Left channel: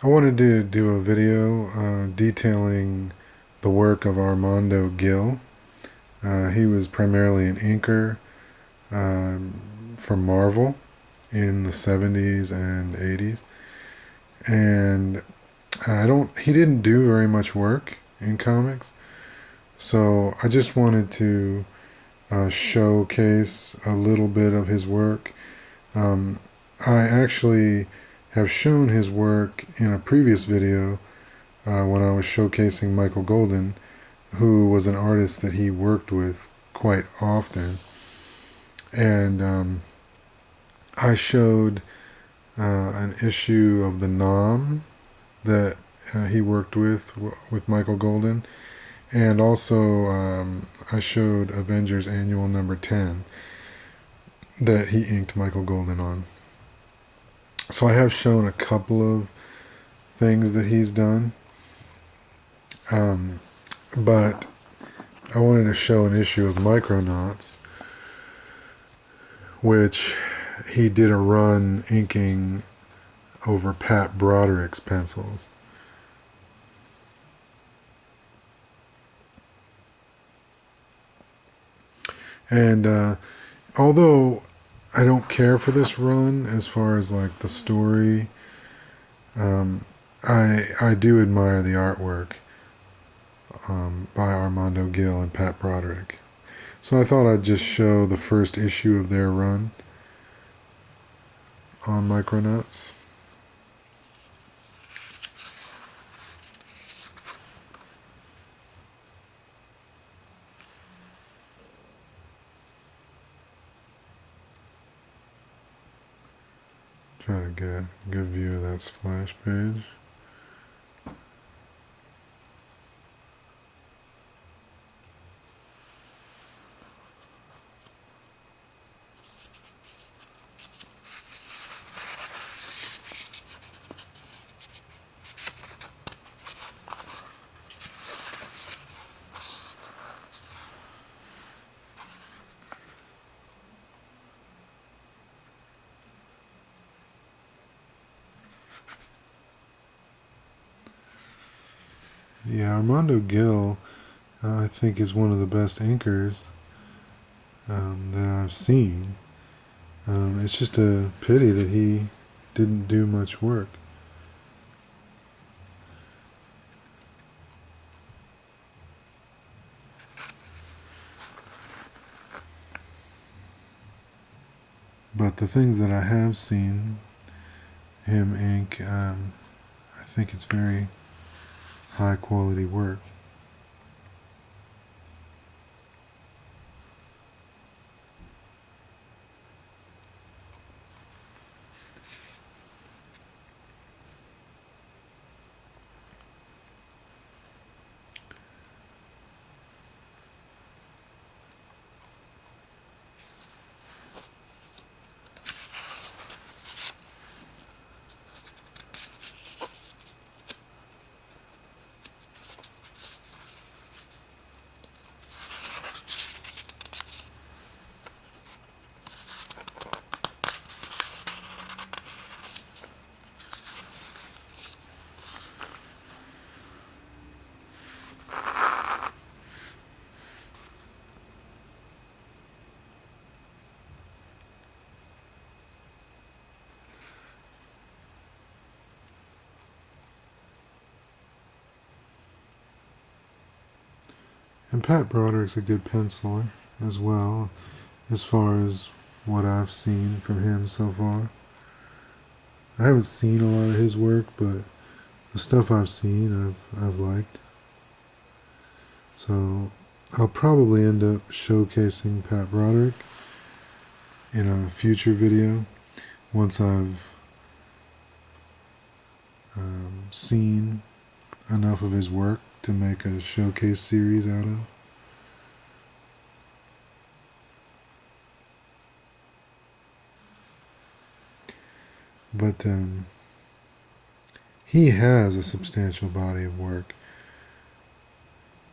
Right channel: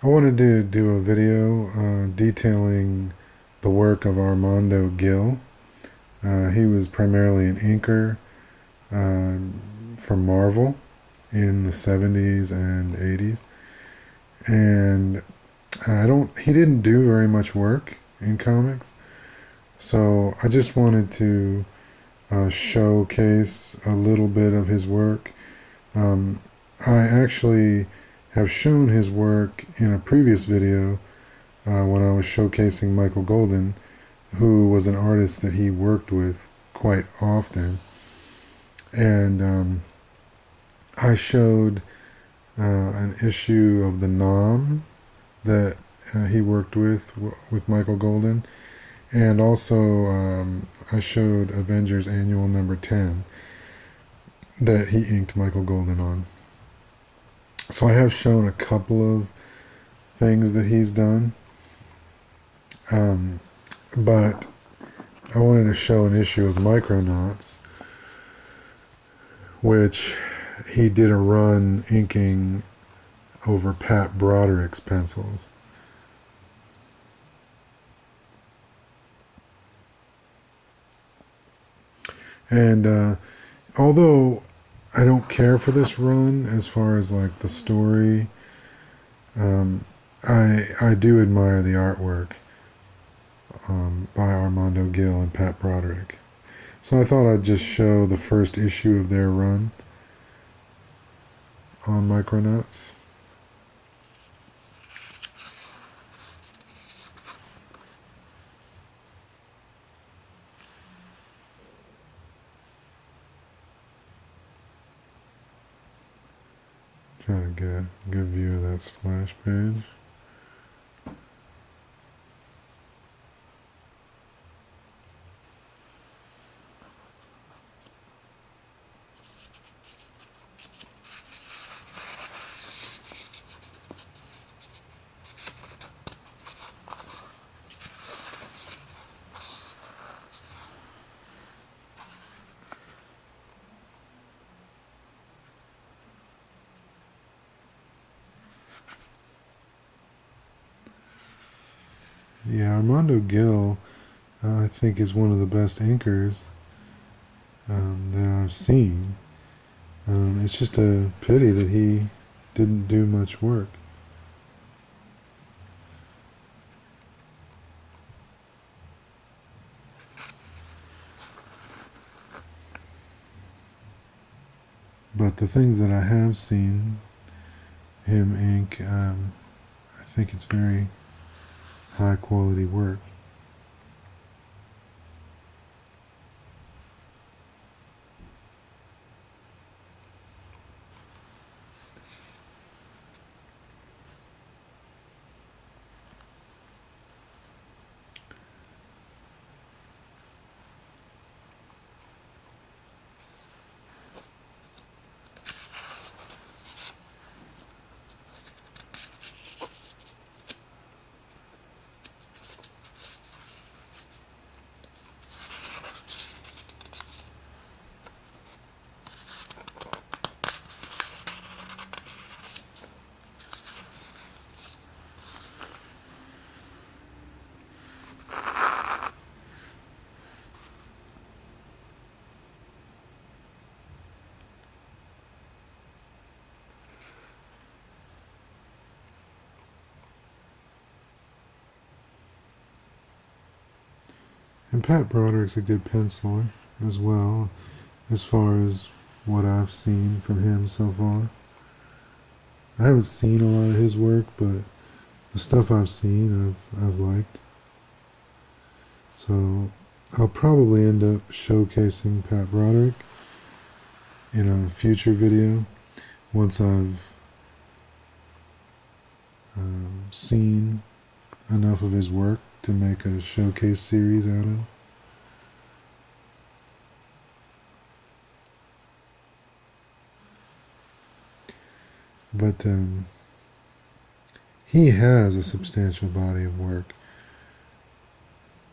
I wanted to do a video detailing the work of Armando Gil. He was primarily an inker for Marvel in the 70s and 80s. And he didn't do very much work in comics. So I just wanted to showcase a little bit of his work. I actually have shown his work in a previous video when I was showcasing Michael Golden, who was an artist that he worked with quite often. And I showed an issue of the Nom that he worked with Michael Golden. And also, I showed Avengers Annual number 10 that he inked Michael Golden on. So I have shown a couple of things that he's done. But I wanted to show an issue of Micronauts, which he did a run inking over Pat Broderick's pencils. And although I don't care for this run as far as like the story, I do admire the artwork by Armando Gil and Pat Broderick. So I thought I'd just show the first issue of their run on Micronauts. Try to get a good view of that splash page. Yeah, Armando Gil, I think, is one of the best inkers that I've seen. It's just a pity that he didn't do much work. But the things that I have seen him ink, I think it's very high quality work. And Pat Broderick's a good penciler as well, as far as what I've seen from him so far. I haven't seen a lot of his work, but the stuff I've seen, I've liked. So I'll probably end up showcasing Pat Broderick in a future video once I've seen enough of his work to make a showcase series out of. But he has a substantial body of work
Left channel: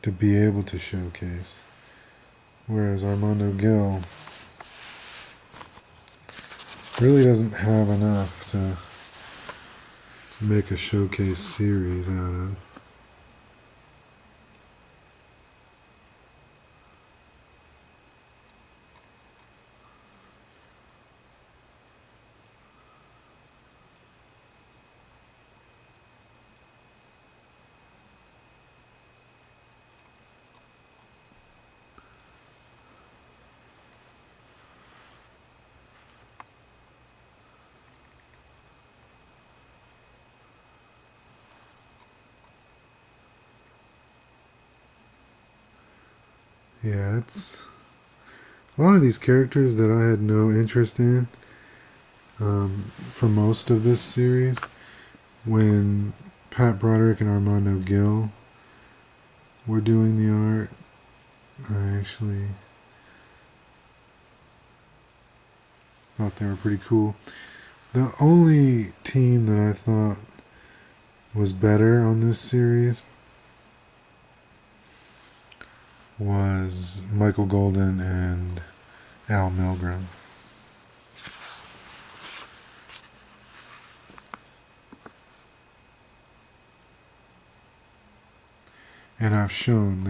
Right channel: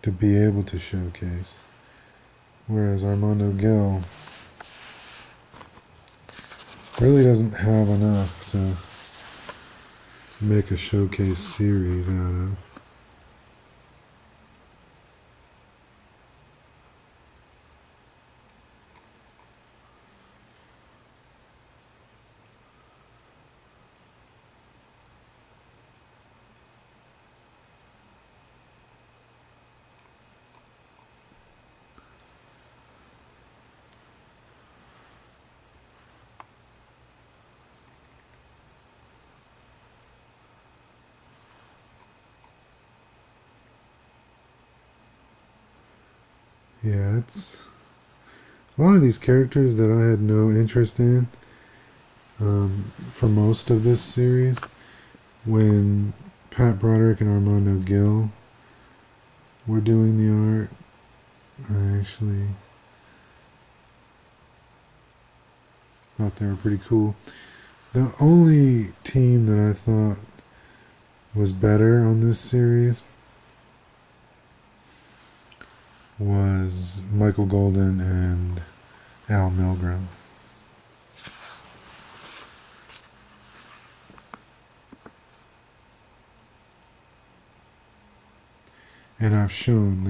to be able to showcase, whereas Armando Gil really doesn't have enough make a showcase series out of. Yeah, it's a lot of these characters that I had no interest in for most of this series. When Pat Broderick and Armando Gil were doing the art, I actually thought they were pretty cool. The only team that I thought was better on this series was Michael Golden and Al Milgrom. And I've shown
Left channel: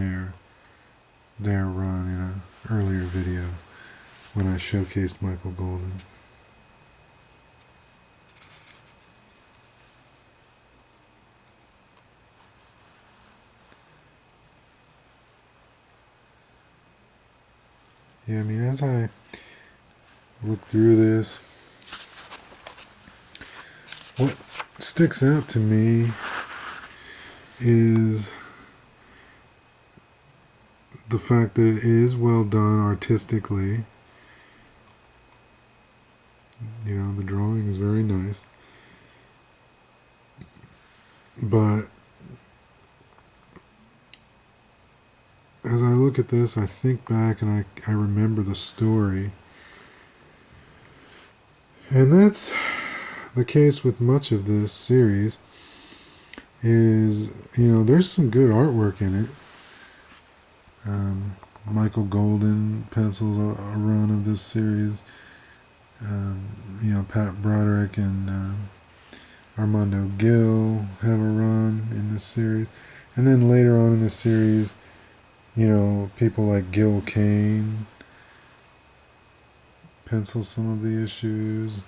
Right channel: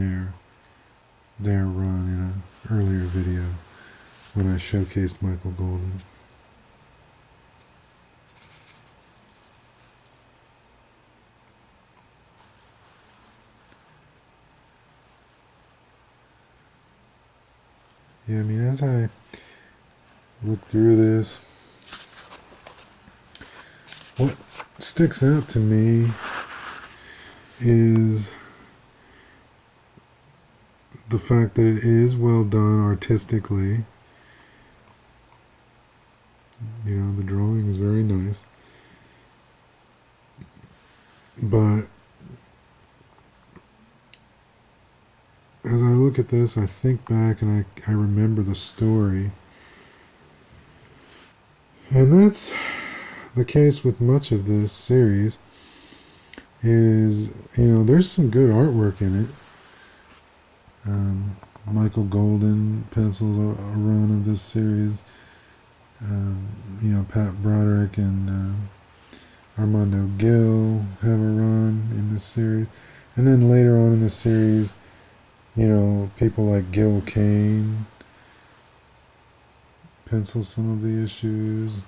their run in an earlier video when I showcased Michael Golden. Yeah, I mean, as I look through this, what sticks out to me is the fact that it is well done artistically. You know, the drawing is very nice. But as I look at this, I think back and I remember the story. And that's the case with much of this series is, you know, there's some good artwork in it. Michael Golden pencils a run of this series. You know, Pat Broderick and Armando Gil have a run in this series. And then later on in the series, you know, people like Gil Kane pencil some of the issues.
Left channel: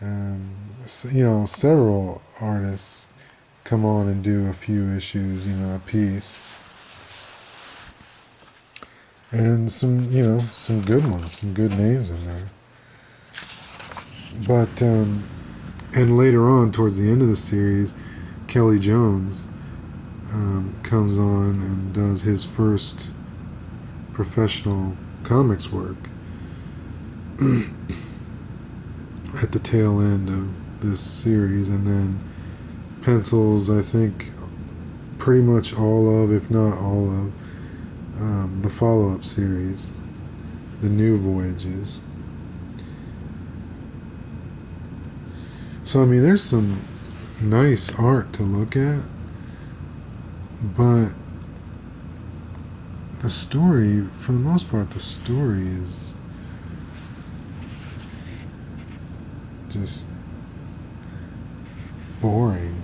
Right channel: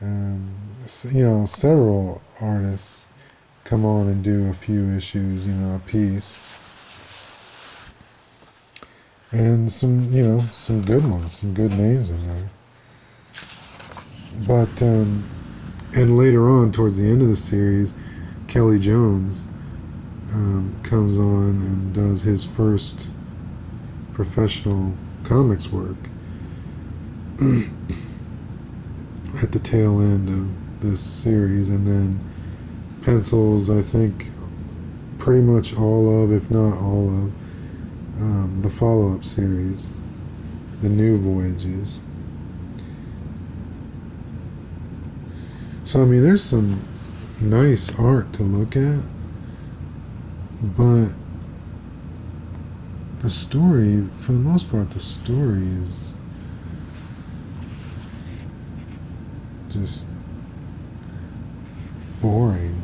You know, several artists come on and do a few issues, you know, a piece. And some, you know, some good ones, some good names in there. But, and later on, towards the end of the series, Kelly Jones comes on and does his first professional comics work at the tail end of this series, and then pencils, I think, pretty much all of, if not all of, the follow-up series, the New Voyages. So, I mean, there's some nice art to look at, but the story, for the most part, the story is just boring.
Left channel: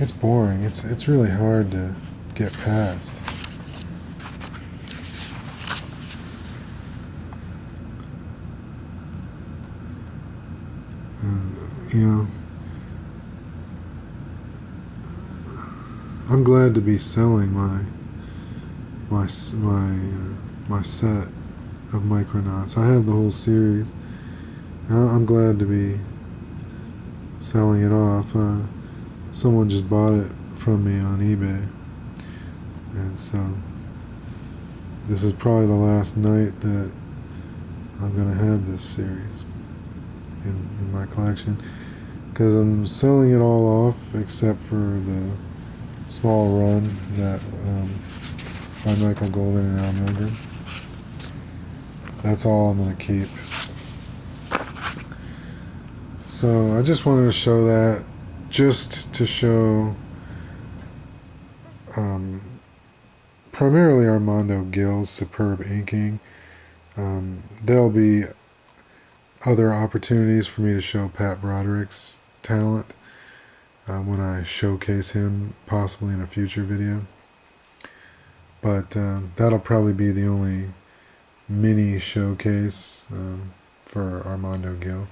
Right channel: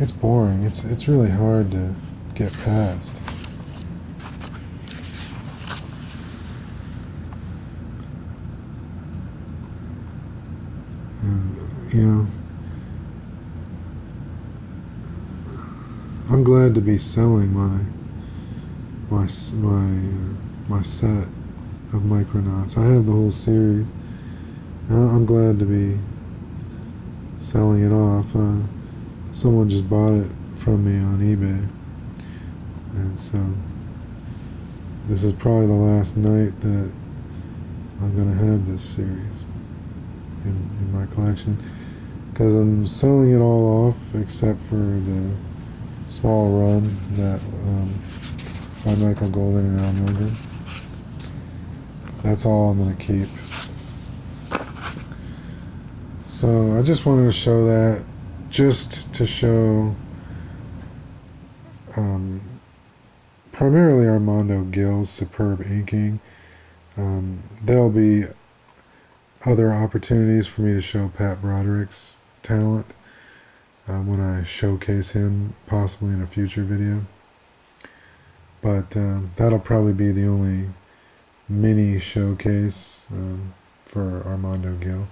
It's boring. It's really hard to get past. And, you know, I'm glad to be selling my set of Micronauts. I have the whole series. And I'm glad to be selling it off. Someone just bought it from me on eBay, and so this is probably the last night that I'm going to have this series in my collection, because I'm selling it all off except for the small run that by Michael Golden and Al Milgrom. That's all I'm going to keep. So I just wanted to show that, just to show primarily Armando Gil's superb inking. There'll be other opportunities for me to show Pat Broderick's talent when I showcase him possibly in a future video. But that'll probably be the only mini showcase for Armando Gil.